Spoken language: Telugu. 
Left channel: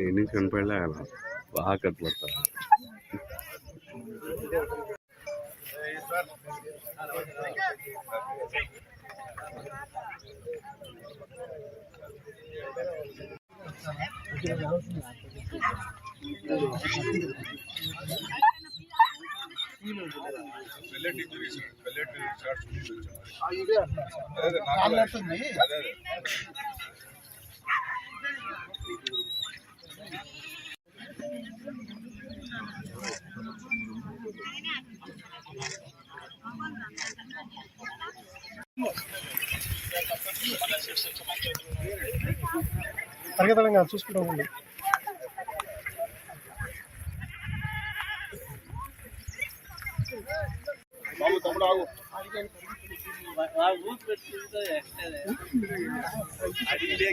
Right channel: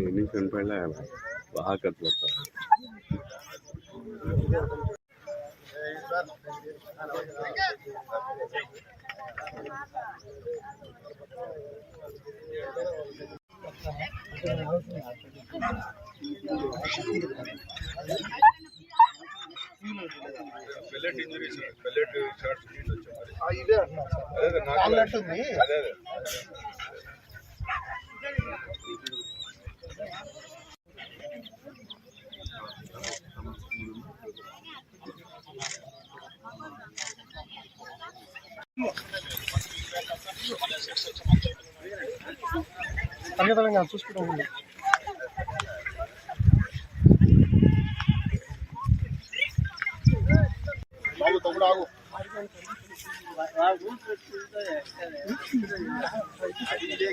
ಇನ್ನಿಂಗ್ ಕನ್ಪಡ್ಲೇ ಆಗಲ್ಲ ಹಾಕತ್ಲತ್ತ తరగతి చూసుకుంటా ఉంది. బాబు తమ్ముడు ఆగు. అడిగి